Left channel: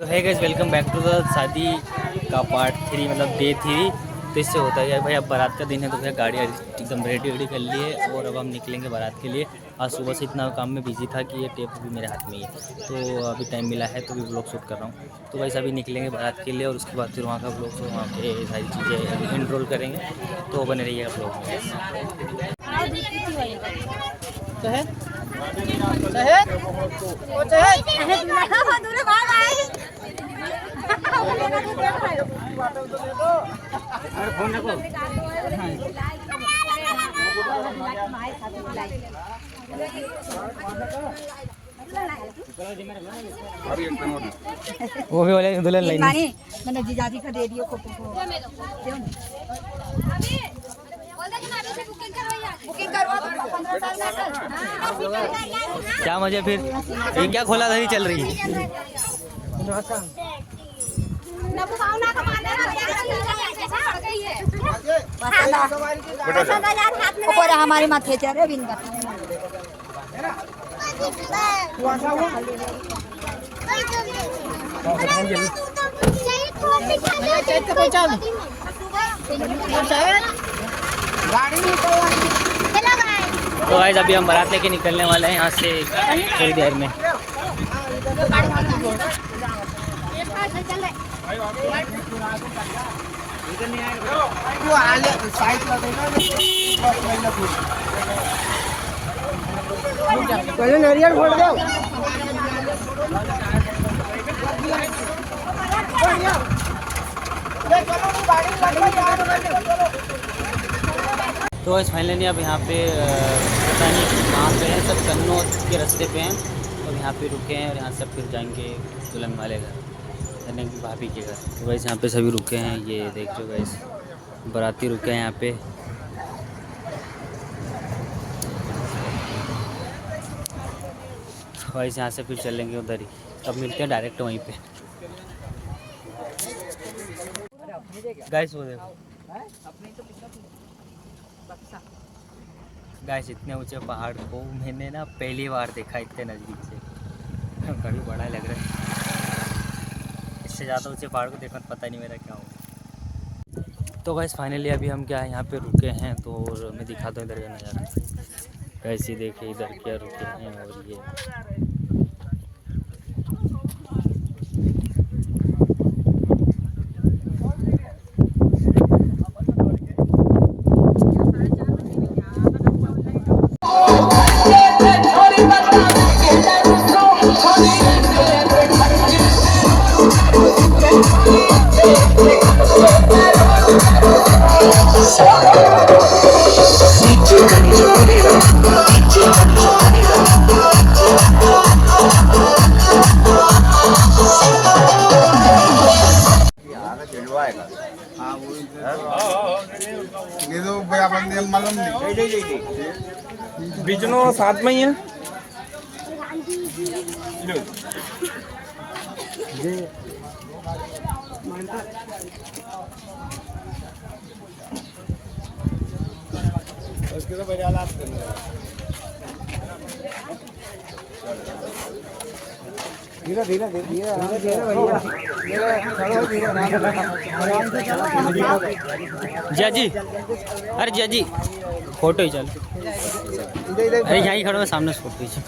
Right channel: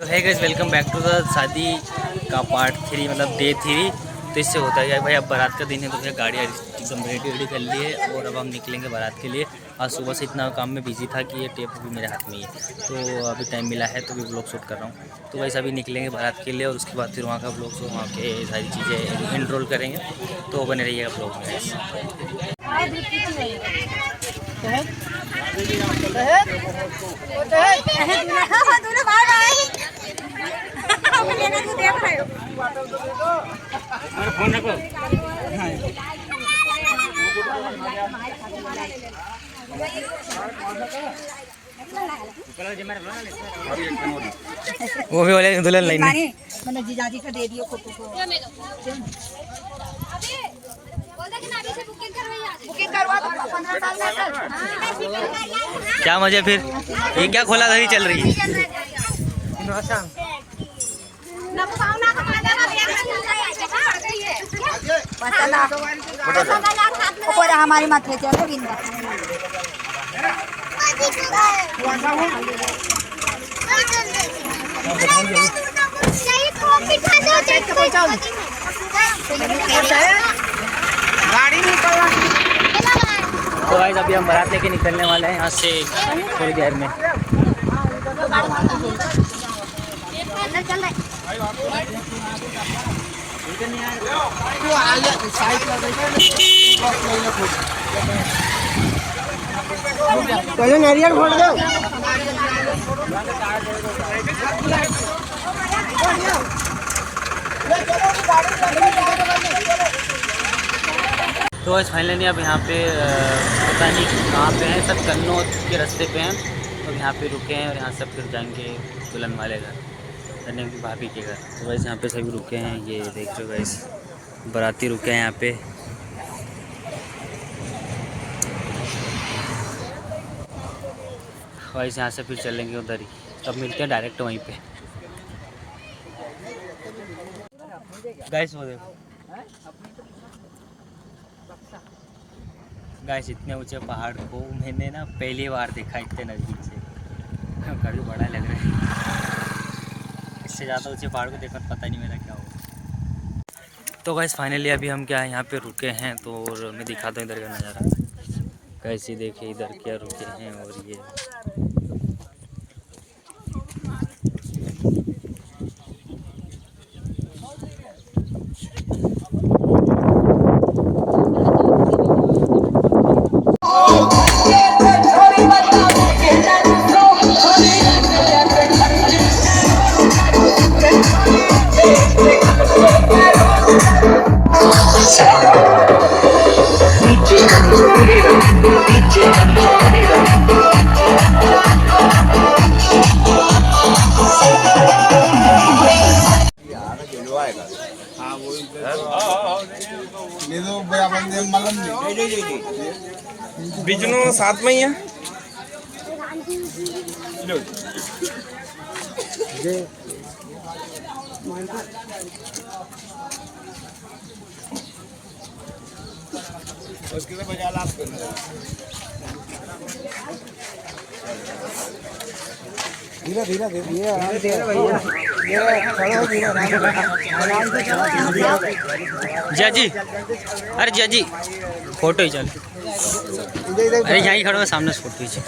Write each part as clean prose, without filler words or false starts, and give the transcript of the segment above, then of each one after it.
तो है guys, welcome back to the शादी का पार्ट 3 मतलब डे 3। तो इससे होता है भाई, अब बारात का दिन है तो भैया गाड़ी एकदम रेडी कर ली है और अब हम निकलेंगे बारात के लिए। आज सुबह से इतना काम में बिजी था कि ये टेप अभी मेरे हाथ में ही है, तो अभी टाइम मिला है तो भी ब्लॉग शूट कर रहा हूँ। तो वैसे अभी निकलेंगे बारात के लिए और उसके बाद फिर वहाँ का ब्लॉग शो, वहाँ के सारी चीज़ें इनरोल करेंगे। तो बने रहिएगा ब्लॉग में गाइस। वो भी बोले दुल्हन लाइन मैंने जीजाजी का दे दियो फोटो को। बुकिंग करवा दो 15 साल में। क्या मजे फिर, ये क्या खोला धरी चल रही है। हमारी माथे चले बिंदा गाड़ी निकल। तो गाइस अभी हम बारात लेके निकलने वाले हैं यहाँ से थोड़ी देर में। नारियल फोड़ दो। तो आज फाइनली अब यहाँ पे पता नहीं कहाँ पे हैं, सब कन्नौज के रास्ते पे हैं। तो यहाँ पे रुके हैं और यहाँ सब फिर जाएंगे दुल्हन वाले घर, यानी कि भाभी के घर। तो वैसे यहाँ पे सभी रुके हैं, ये देख रहे हो वैसे बाराती रुके हैं यहाँ पे। वैसे यहाँ से फिर चलेंगे उधर ही, तब मिलते हैं डायरेक्ट वहीं पे। गाइस वो देखो गाइस, इतने ऊंचे पहाड़ को मैंने ना पहली बार देखा इतने नज़दीक से। काफ़ी बड़ा लग रहा है, इससे ज़्यादा ऊंचे पहाड़ को देखकर पता नहीं मेरा क्या हो। तो गाइस फाइनली अभी हम क्या यहाँ पे रुके हैं, तो और मैं दिखाता हूँ इधर का नज़ारा। कैसे देखे इधर क्या रुके हैं, और ये बिजनो साथ में ही है। उसके बजा ला धीरे धीरे धीरे धीरे भैया। जिया जी, अरे जिया जी फोटो ही चल। अरे यहाँ ही खड़ा हुआ सामने से फोटो ही चल।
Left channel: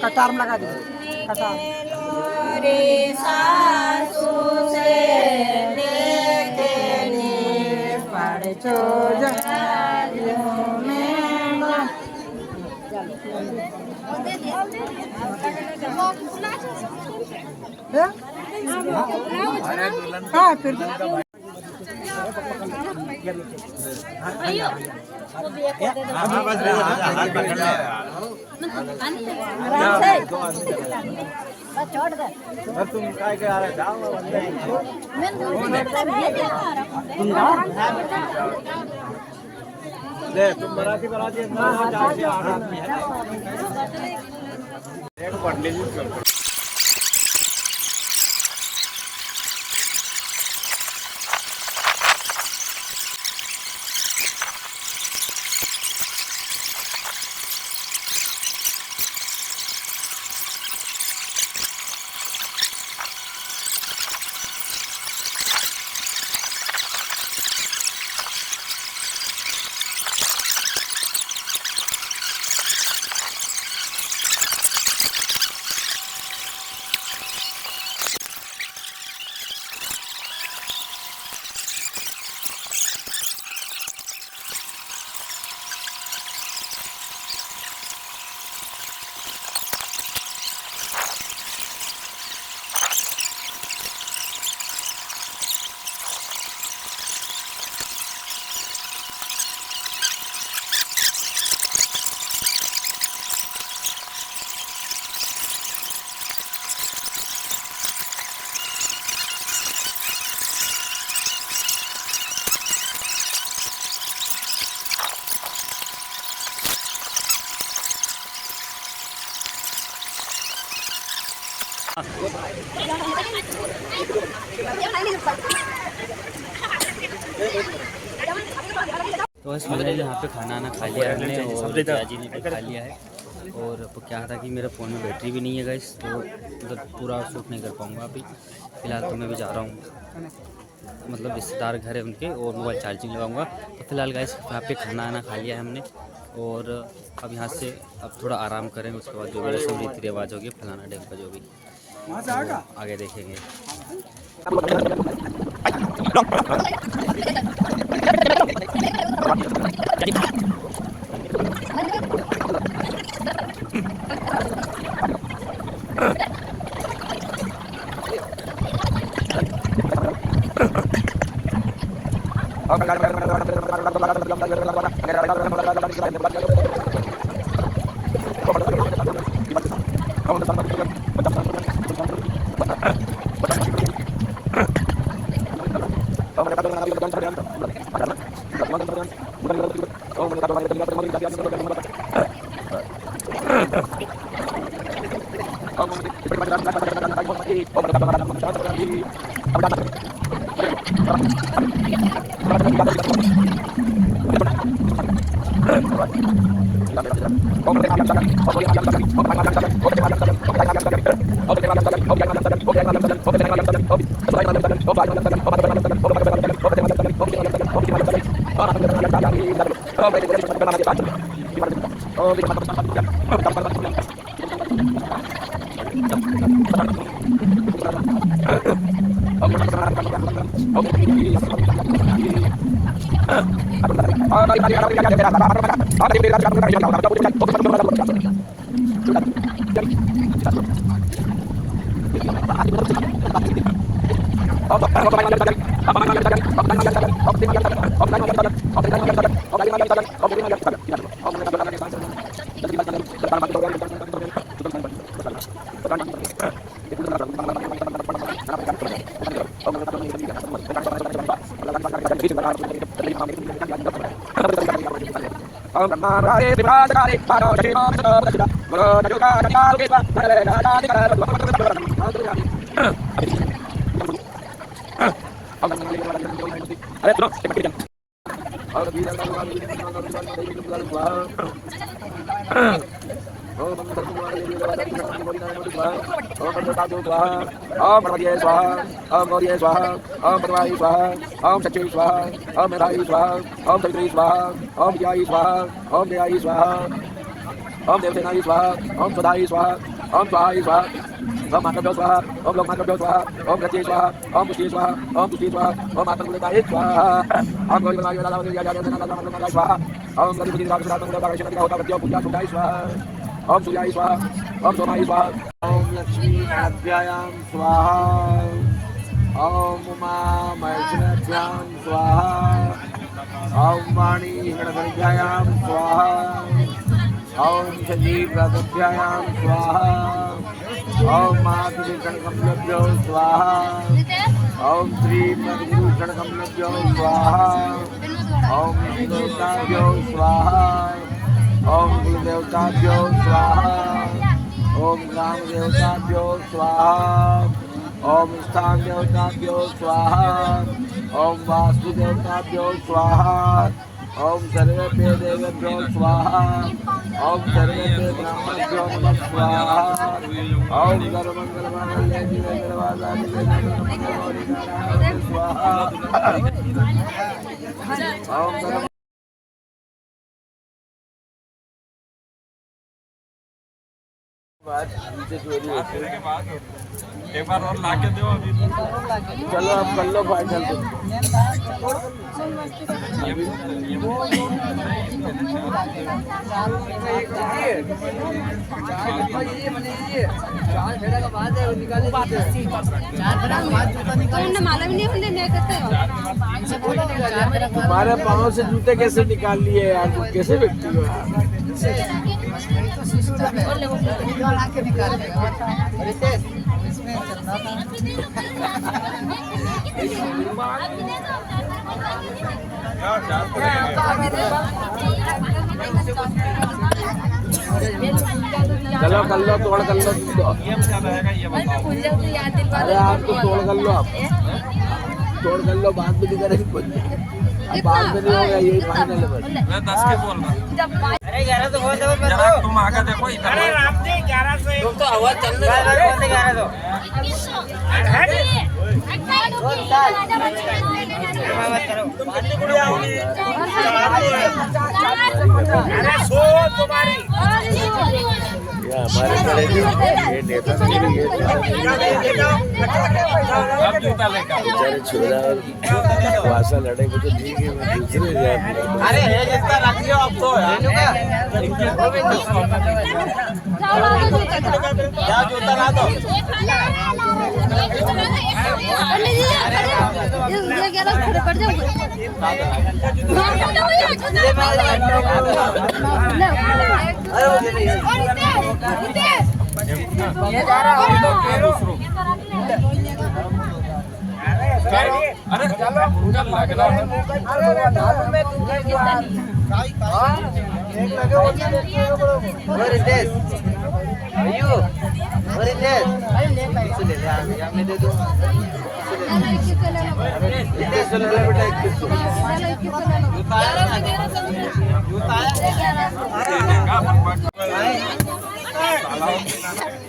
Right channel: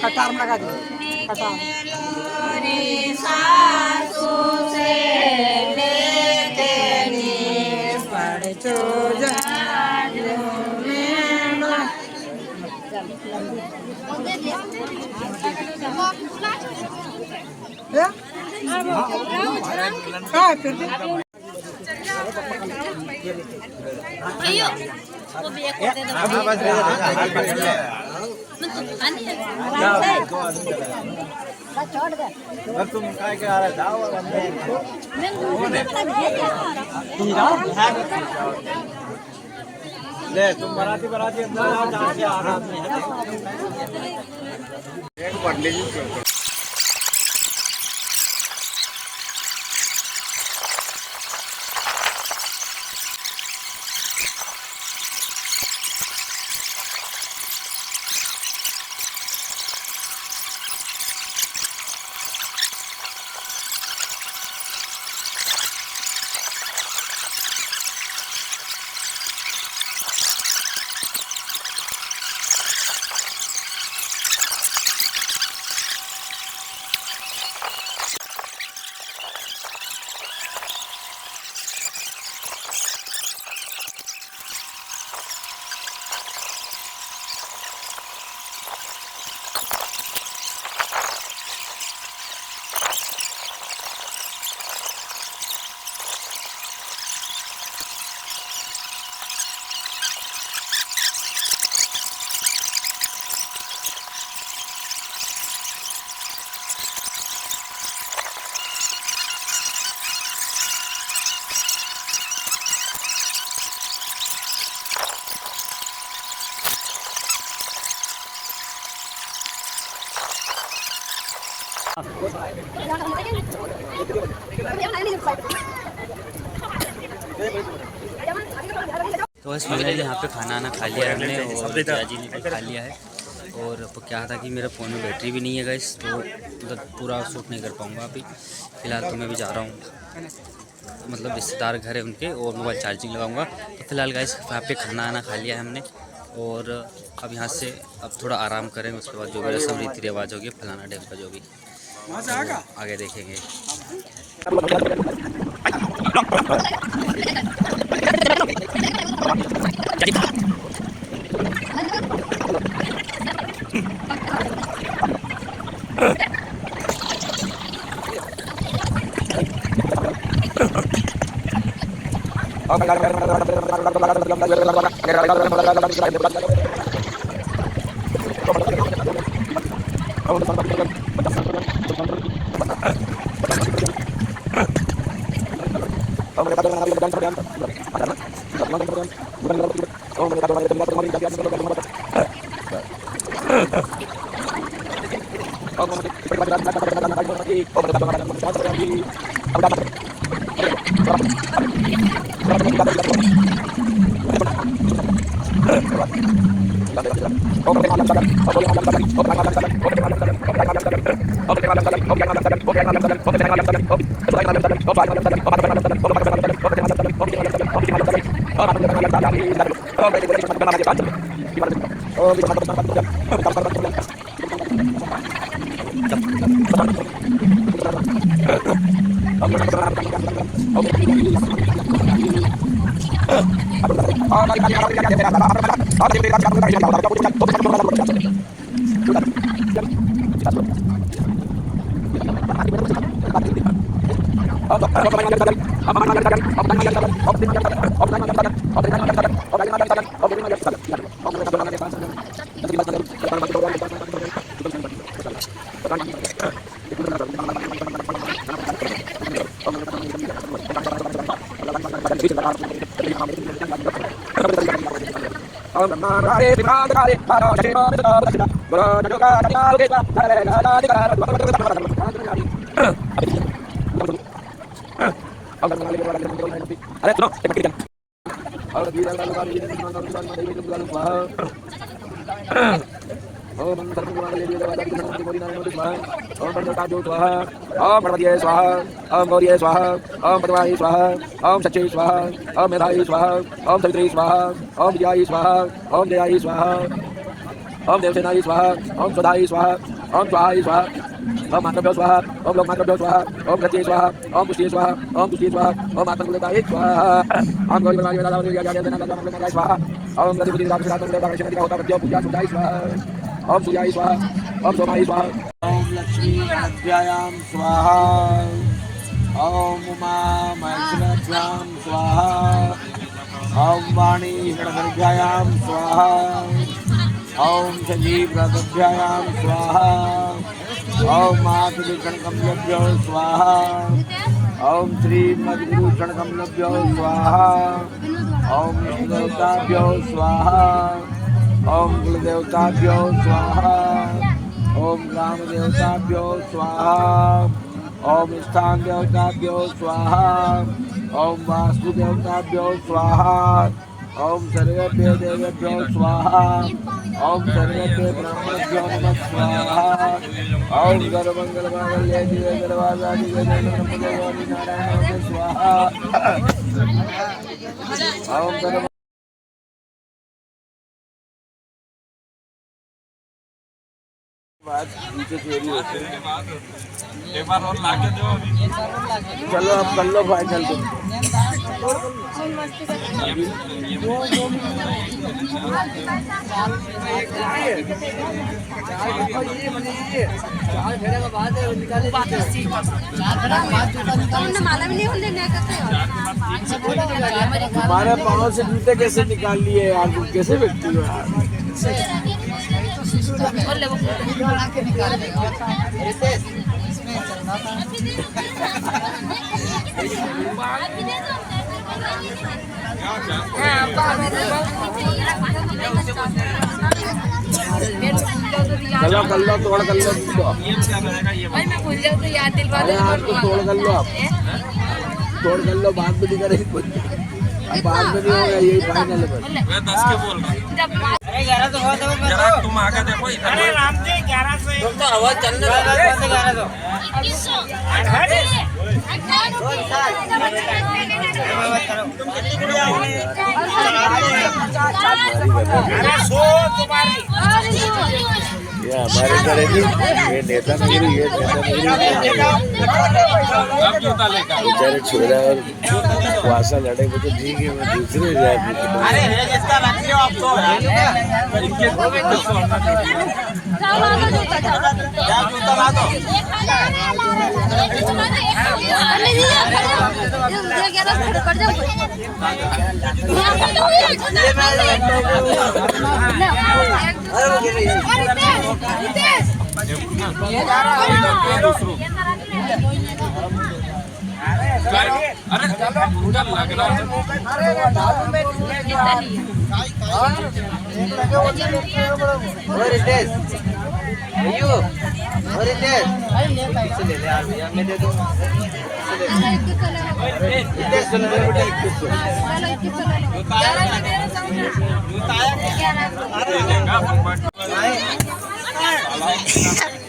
कटार लगा दो कटार छोड़ दे तुम काय के आ रहा जाओ ले तुम बराती बराती अंदर जाके आ रहा एक बंडे तो बस फाइनली यहाँ पे खाना आना खा लिया है हमने और जिया जी ने भी खा लिया है। और अब क्या था कि मेरे फ़ोन में बैटरी भी नहीं है गाइस, तो मतलब पूरा शूट नहीं कर पाऊँगा अभी। फ़िलहाल तो मैं भी जा रहा हूँ, मतलब रिश्तेदार घर है उनके, और मोबाइल चार्जिंग लगाऊंगा। तो फिलहाल गाइस यहाँ पे खाना आना खा लिया है हमने, और अब यहाँ से अब थोड़ा आराम करेंगे। उसके बाद जो भी रस्म रीति रिवाज होगी फलाना डैम का जो भी तो आगे देखेंगे। ओम भगवती स्वाहा ओम गौरी स्वाहा ओम भगवानी स्वाहा ओम सच्चे स्वाहा ओम मेधाई स्वाहा ओम सवित्री स्वाहा ओम विजयाई स्वाहा ओम दयाई स्वाहा ओम देवसेनाई स्वाहा ओम सदाई स्वाहा ओम स्वाहाई स्वाहा ओम मातृभ्यो स्वाहा ओम लोकमातृभ्यो स्वाहा ओम गति स्वाहा ओम पुष्टि स्वाहा ओम तुष्टि स्वाहा ओम मातृभ्यो स्वाहा ओम गौरी स्वाहा ओम गतिपति पूजा सुधाई स्वाहा ओम सूर्याई स्वाहा ओम सोमाई स्वाहा ओम लक्ष्मी अध्यायाम स्वाहा ओम उमा महेश्वराभ्याम स्वाहा ओम वाणी गणपतिभ्याम स्वाहा ओम संजीव गणपतिभ्याम स्वाहा ओम मातृकमलभ्यो स्वाहा ओम श्री मधुभूषणकमलभ्यो स्वाहा ओम देवताभ्यो स्वाहा ओम कुलदेवताभ्यो स्वाहा ओम ग्राम देवताभ्यो स्वाहा ओम स्थान देवताभ्यो स्वाहा ओम वास्तु देवताभ्यो स्वाहा ओम सर्वेभ्यो देवेभ्यो स्वाहा ओम सर्वेभ्यो ब्रह्मभ्यो स्वाहा ओम सर्वमंगलमांगल्ये शिवे सर्वार्थ स्वाहा ओम एक बार और लाके दो अभी। चलो अब कर लो फाइनल हमारे पाँव से जूते कैसे निकाल लिए यार, कैसे व्यक्ति हो चलो कर लो, तोड़ कर लो, अरे आपको तोड़ कर लो, तोड़ कर लो, बाद में नहीं करेंगे, अब बाद में नहीं होगा, यही फाइनल है। मैं 10 के बोल रहा। अरे 11 तो बहुत है, तुम आगे देखो इधर। अरे राम के 1100 तुम तो हवा चलने दो 1100 हमारे करेगी ये नेता नहीं, ये अब जूता लेकर बेचारे छोरा वासा लड़े वो तो ठीक है, वो दूसरे जाए। अरे है जिसका रख लो अब तो यार, इनके को भी कुछ होना क्या जूता ला दो। अरे चलो मुझे लग रहा है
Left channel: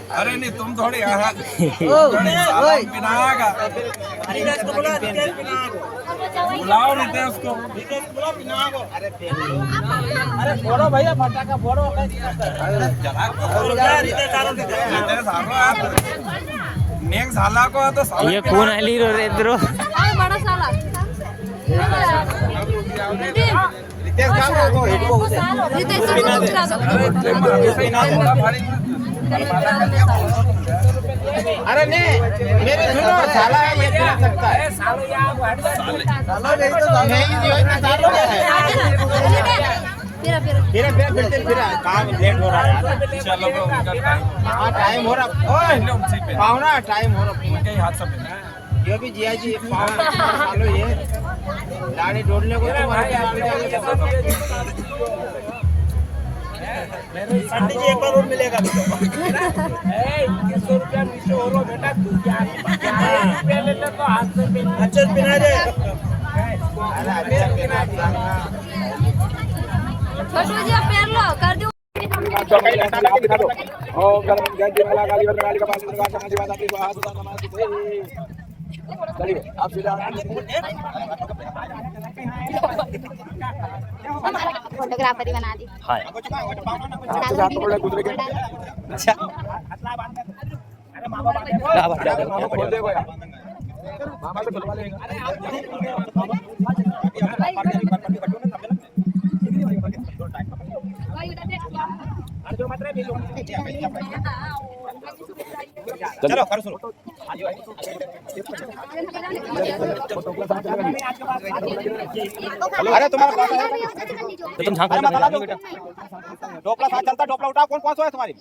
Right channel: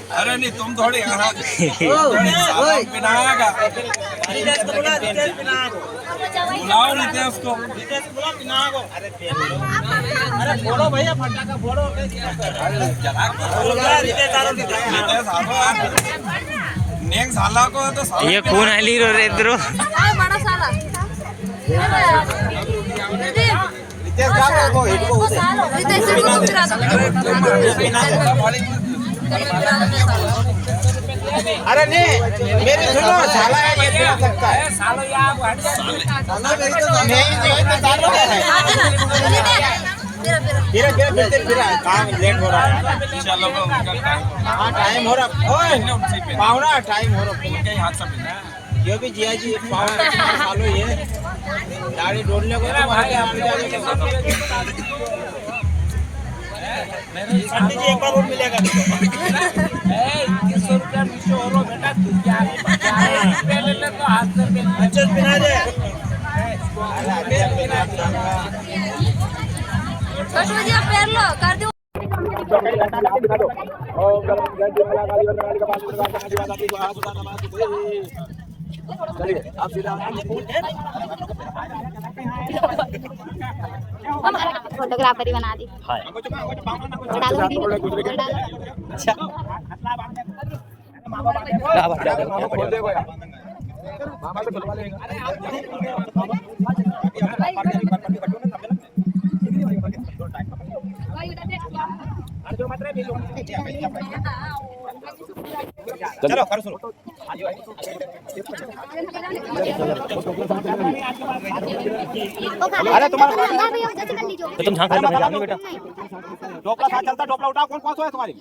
अरे नहीं तुम थोड़ी पिनागा बुलाओ रितेश को अरे फोड़ो भैया फटाका फोड़ो नेक साला को तो ये कौन आली रो रे इधरो बड़ा साला रितेश का को हेडो अरे नहीं मेरे सुनो साला है मेरे सकता है सालो यहाँ को हट जाए सालो मेरी तो नहीं फिर काम लेट हो रहा है चलो उनका टाइम हो रहा ओए पावना टाइम हो रहा उनके हाथ से ये भी जिया जी सालो ये गाड़ी ढूंढने को तो वहां पंडित जी एक बार और मिलेगा 2100 रुपया नीचे हो रो बेटा तू क्या पहले ले तो हाथ से अच्छा बिना दे छोटू जी पैर लो कर दो ओम गणपति जय माला काली काली का पास दुर्गा का आशीर्वाद आपकी हाथ उठा नमाज चलिए आप सीधा फोटोग्राफर ही बना दी हां डालो वीडियो डालो अच्छा क्या बात है खोल दे यार मामा से खुलवा लेगा चलो करो शुरू अरे तुम्हारा तो तुम झांक रहे हो बेटा टोपला साथ चलता टोपला उठाओ कौन कौन सो है तुम्हारी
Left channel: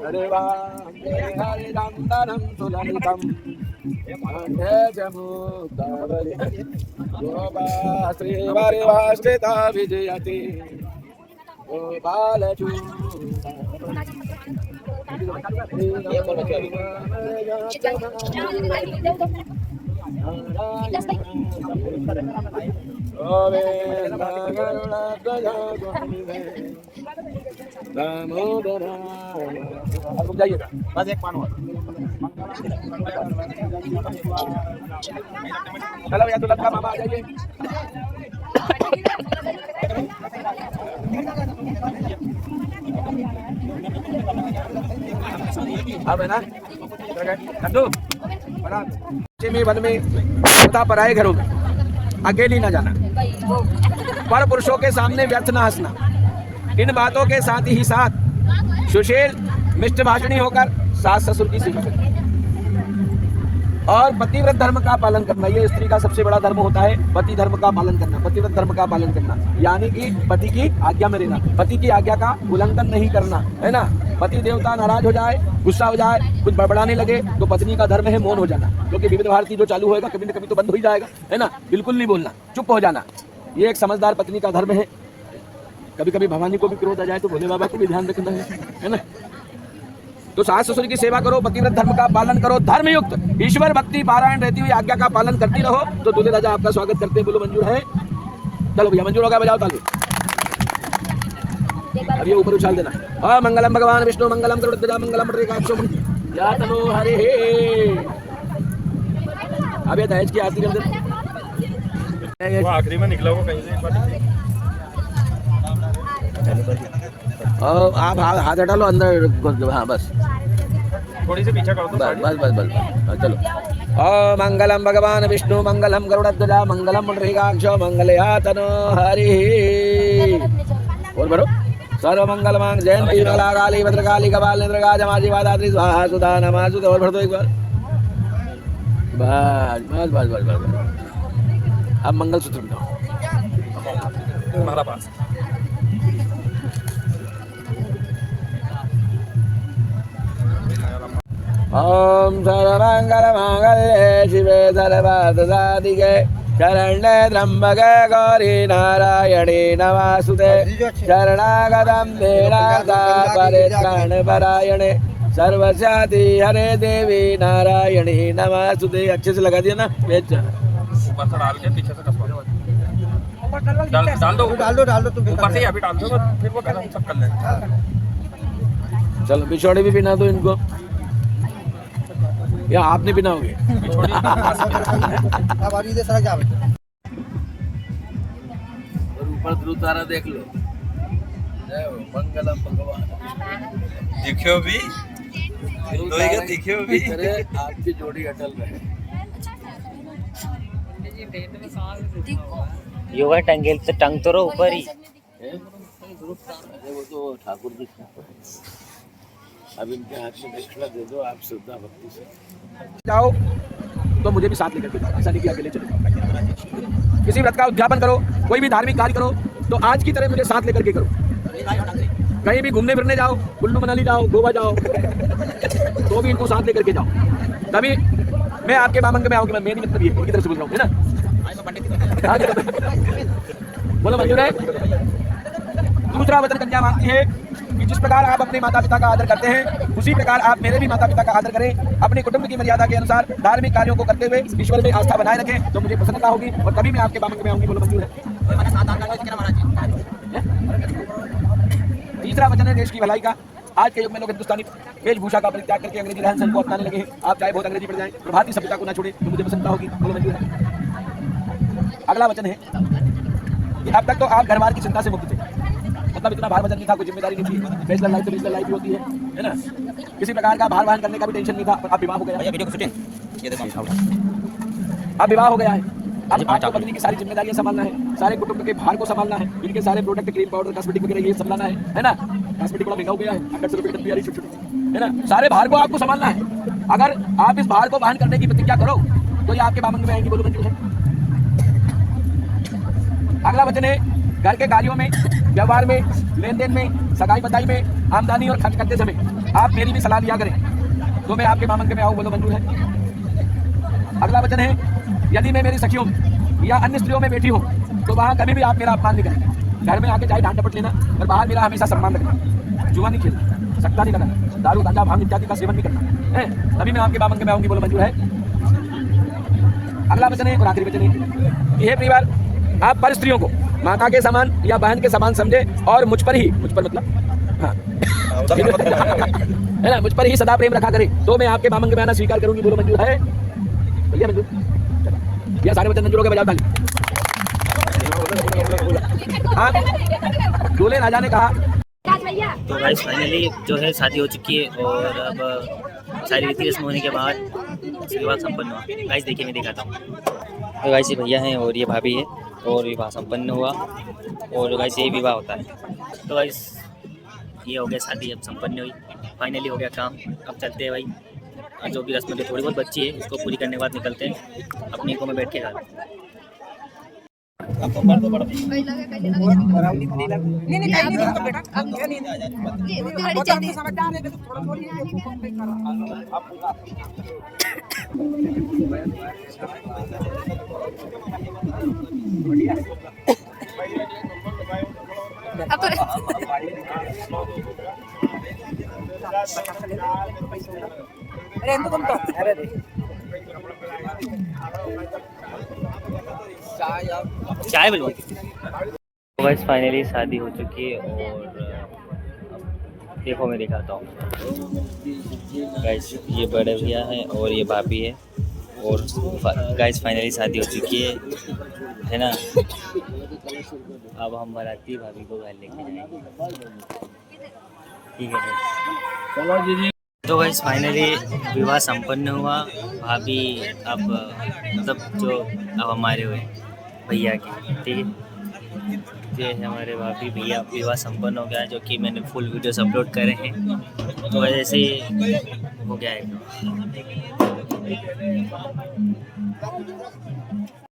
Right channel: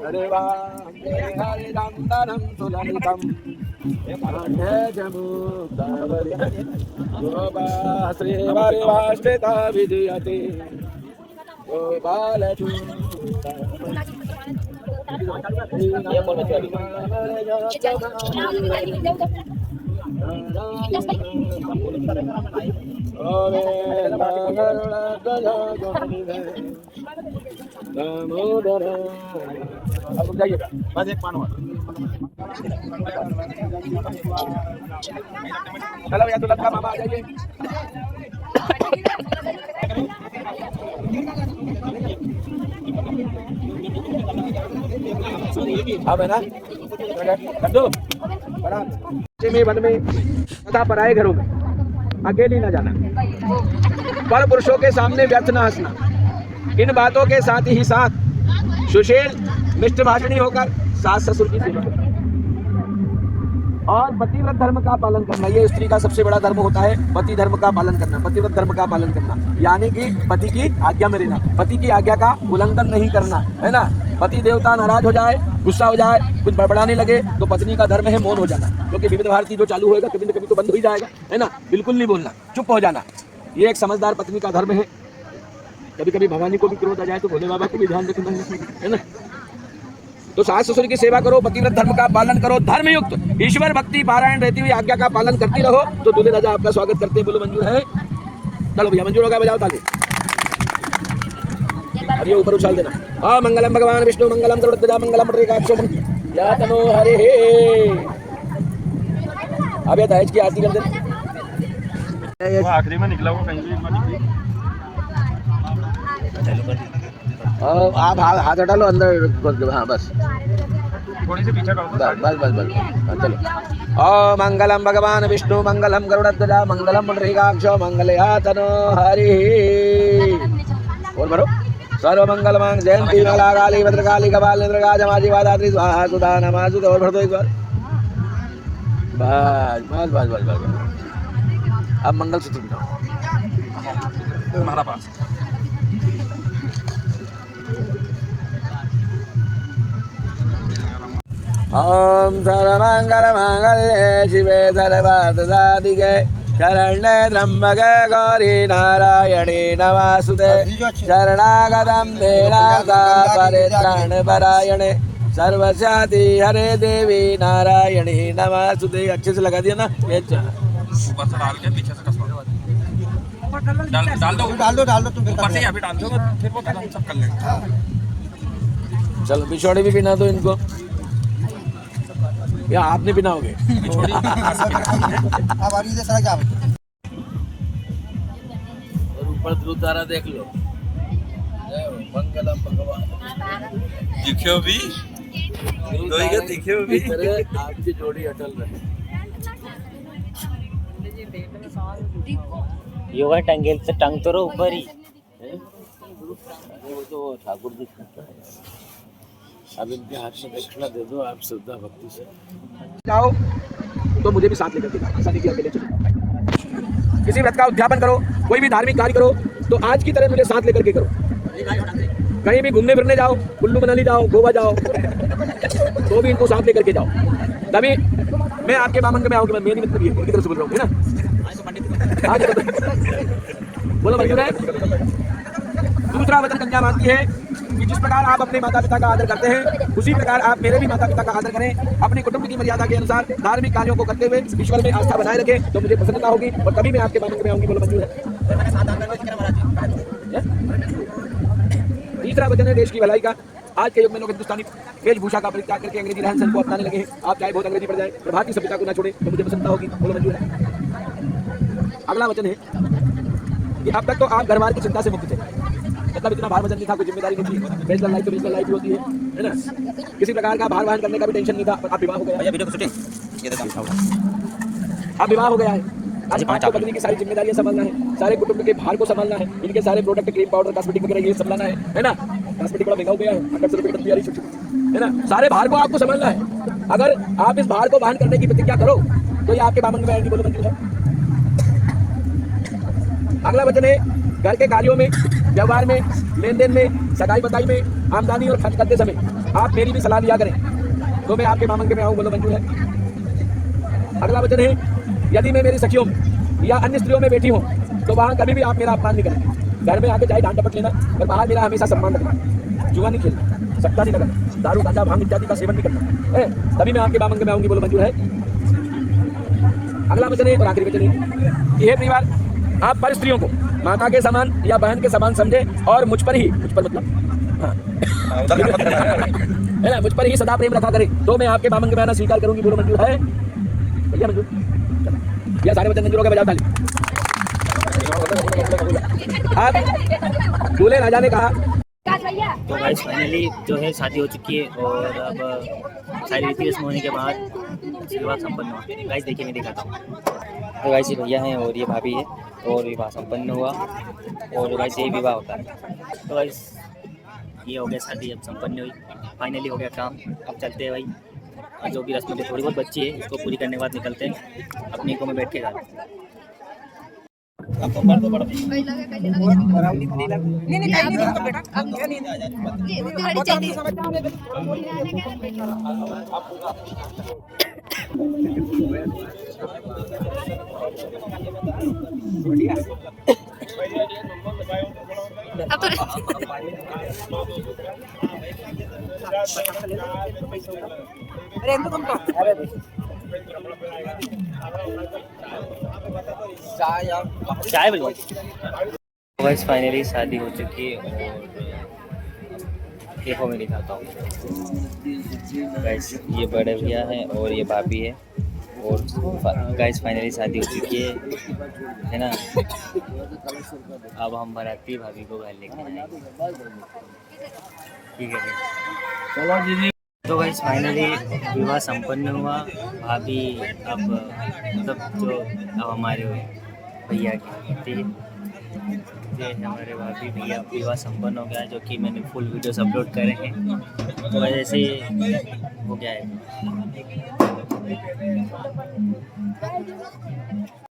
अरे वांदनं सुललितं जमुदावरी गोपा श्रीवारिवाष्टिता विजयते गोपालचूता अब रुक जाइए बस एक पान और चलो भैया तो लड़का मामा आ जाइए अब है ना लड्डू बना में वन में तथा पराए घरों में अकेली न जाना पर पुरुषों के सामने व्यर्थ न हंसना इन बातों के साथ ही साथ सुशील मिष्ट भाषणी होकर सास ससुर की सेवा करना और पतिव्रत धर्म का पालन करना। ये स्त्री का सबसे बड़ा धर्म होता है पति धर्म का पालन करना, पतिव्रत धर्म का पालन करना, यानी कि पति की आज्ञा में रहना, पति की आज्ञा का उल्लंघन नहीं करना, है ना। पति देवता नाराज हो जाए, गुस्सा हो जाए, कुछ बड़बड़ाने लगे तो पत्नी का धर्म है मौन हो जाना, क्योंकि विविध भारती जो चालू होएगा कभी न कभी तो बंद हो ही जाएगा, है ना। बिल्कुल नहीं बोलना, चुप हो जाना, ये एक समझदार पत्नी का धर्म है। कभी कभी भवानी को भी क्रोध आ जाए तो भोले बाबा को भी ध्यान रखना है ना। तो सास ससुर की सेवा करो, पतिव्रत धर्म का पालन करो, धर्मयुक्त ईश्वर भक्ति पारायण रहती हुई आज्ञा का पालन करती रहो, तो दूल्हे राजा आपका स्वागत करते हैं। बोलो मंजूर है? चलो भैया मंजूर होगा, बजाओ ताली। अब ये ऊपर उछाल देना। और मंगलम भगवान विष्णु मंगलम गरुड़ध्वजा मंगलम पुंडरीकाक्षो या तनो हरे। अब ये दहेज की आरती कर देना। वो आखिरी में निकला वो कहीं से एक बार निकली। और आप हाथ हटा लो अंदर घुस दो। हाँ बस थोड़ी सी पीछे करो तो बस बस बस बस हाँ, चलो। ओ मंगलम भगवान विष्णु मंगलम गरुड़ध्वजा मंगलम पुंडरीकाक्षो मंगलयातनो हरि। और भरो सर्वमंगल मांग जयंती माला काली भद्रकाली कपाल नेत्रका जमाजी वादात्री स्वाहा सुधा नमासुत। और भर दो एक बार। बस बस बस बस बस। अब मंगलसूत्र बनाओ हमारा पास। ओम सर्वमंगल मांगल्ये शिवे सर्वार्थसाधिके शरण्ये त्र्यंबके गौरी नारायणी नमोस्तुते शरणागतं देवता परित्राणपरायणे सर्वस्याति हरे देवी नारायणी नमोस्तुते। अच्छे से लगा दिया ना। ऊपर से डाल के पीछे से कसवा डाल दो तुम ऊपर से अभी डाल दो फिर वो गरम सब कर लेंगे। चलो बिछोड़े भी बिना दो इनको या आपने बिनाओगे। और ऊपर ध्रुव तारा देख लो। मंगलम भगवान दिखियो भी दिखियो भी आपकी जोड़ी अटल रहे। योगा टंगेल से टंग तो रहो ऊपर ही। अरे वो तो ठाकुर जी का है। अब इनके हाथ में दक्षिणा दे दो आप श्रद्धा भक्ति से जाओ तो मुझे भी साथ लेकर के जाओ। ऐसा नहीं कि अकेले चले जाओ। किसी व्रत का उद्यापन करो कोई भी धार्मिक कार्य करो तो आज की तरह मुझे साथ लेकर के करो। कहीं भी घूमने फिरने जाओ कुल्लू मनाली जाओ गोवा जाओ तो भी इनको साथ लेकर के जाओ तभी मैं आपके बामंग में आऊँगी। मैं मेरी मतलब ये इनकी तरफ से बोल रहा हूँ है ना। बोलो मंजूर है। दूसरा वचन कन्या मांगती है कि जिस प्रकार आप अपने माता पिता का आदर करते हैं उसी प्रकार आप मेरे भी माता पिता का आदर करें। अपने कुटुंब की मर्यादा के अनुसार धार्मिक कार्यों को करते हुए ईश्वर में आस्था बनाए रखें तो मुझे प्रसन्नता होगी और कभी मैं आपके बामंग में आऊंगी। बोलो मंजूर है। तीसरा वचन है देश की भलाई का। आज के युग में लोग हिंदुस्तानी वेशभूषा का परित्याग करके अंग्रेजी रहन सहन को अपनाने लगे हैं। आप चाहे बहुत अंग्रेजी पड़ जाए पर भारतीय सभ्यता को ना छोड़े तो मुझे प्रसन्नता होगी। बोलो मंजूर है। अगला वचन है कि अब तक तो आप घरवार की चिंता से मुक्त थे। मतलब इतना भार वजन नहीं था कोई जिम्मेदारी नहीं थी। बैचलर लाइफ तो बैचलर लाइफ होती है ना। किसी प्रकार का भार वहन करने का भी टेंशन नहीं था। पर अब विवाह हो गया। अब विवाह हो गया है। आज आपको पत्नी की सारी जिम्मेदारियां संभालना है। सारे कुटुंब के भार को संभालना है। इनके सारे प्रोडक्ट क्रीम पाउडर कॉस्मेटिक वगैरह ये संभालना है ना। कॉस्मेटिक बड़ा महंगा हो गया है। 800 रुपये की तैयारी है ना। सारे भार को आपको संभालना है। अगर आप इस भार को वहन करने की प्रतिज्ञा करो तो ये आपके बामंग में आएंगी। बोलो मंजूर है। अगला वचन है घर के कार्यों में व्यवहार में लेन देन में सगाई बताई में आमदनी और खर्च करते समय आप मेरी भी सलाह लिया करें तो मैं आपके बामंग में आऊँ। बोलो मंजूर है। अगला वचन है यदि मैं मेरी सखियों या अन्य स्त्रियों में बैठी हूँ तो वहाँ कभी भी आप मेरा अपमान नहीं करें। घर में आके चाहे डांट डपट लेना और बाहर मेरा हमेशा सम्मान रखना। जुआ नहीं खेलना सट्टा नहीं लगाना दारू गांजा भांग इत्यादि का सेवन नहीं करना है तभी मैं आपके बामंग में आऊँगी। बोलो मंजूर है। अगला वचन है और आखिरी वचन है यह परिवार आप पर स्त्रियों को माता के समान या बहन के समान समझे और मुझ पर मतलब हाँ है ना मुझ पर ही सदा प्रेम रखा करे तो मैं आपके बामंग में आना स्वीकार करूंगी। बोलो मंजूर है। भैया मंजूर या सारे वचन मंजूर हो गए। बजाओ ताली। अब दूल्हे राजा ने कहा तो गाइस फाइनली जो है शादी हो चुकी है और अब सारी रीति रस्म होने के बाद विवाह संपन्न हुआ। गाइस देखिए मैं दिखाता हूँ। तो गाइस ये भैया हैं और ये भाभी है और विवाह संपन्न हुआ और गाइस ये विवाह होता है। तो गाइस ये हो गया शादी अब संपन्न हुई फाइनली हो गया काम। अब चलते हैं भाई जो भी रस्म जो थोड़ी बहुत बच्ची है इसको पूरी करने के बाद निकलते हैं अपनी को में बैठ के घर। चाय बस फाइनली शादी हो चुकी है और देखो मैं दिखाता हूँ गाइस, ये बड़े भैया है और ये भाभी है, और गाइस फाइनली शादी हो चुकी है ना। अब हम बाराती भाभी को घर लेके जाएंगे, ठीक है। चलो दीदी। तो गाइस फाइनली विवाह संपन्न हुआ। भाभी अब मतलब जो अब हमारे हुए भैया की, ठीक है। ये है हमारे भाभी भैया, विवाह संपन्न हो गया, जो कि मैंने फुल वीडियोस अपलोड करे हैं, तो ऐसे ही हो गया है।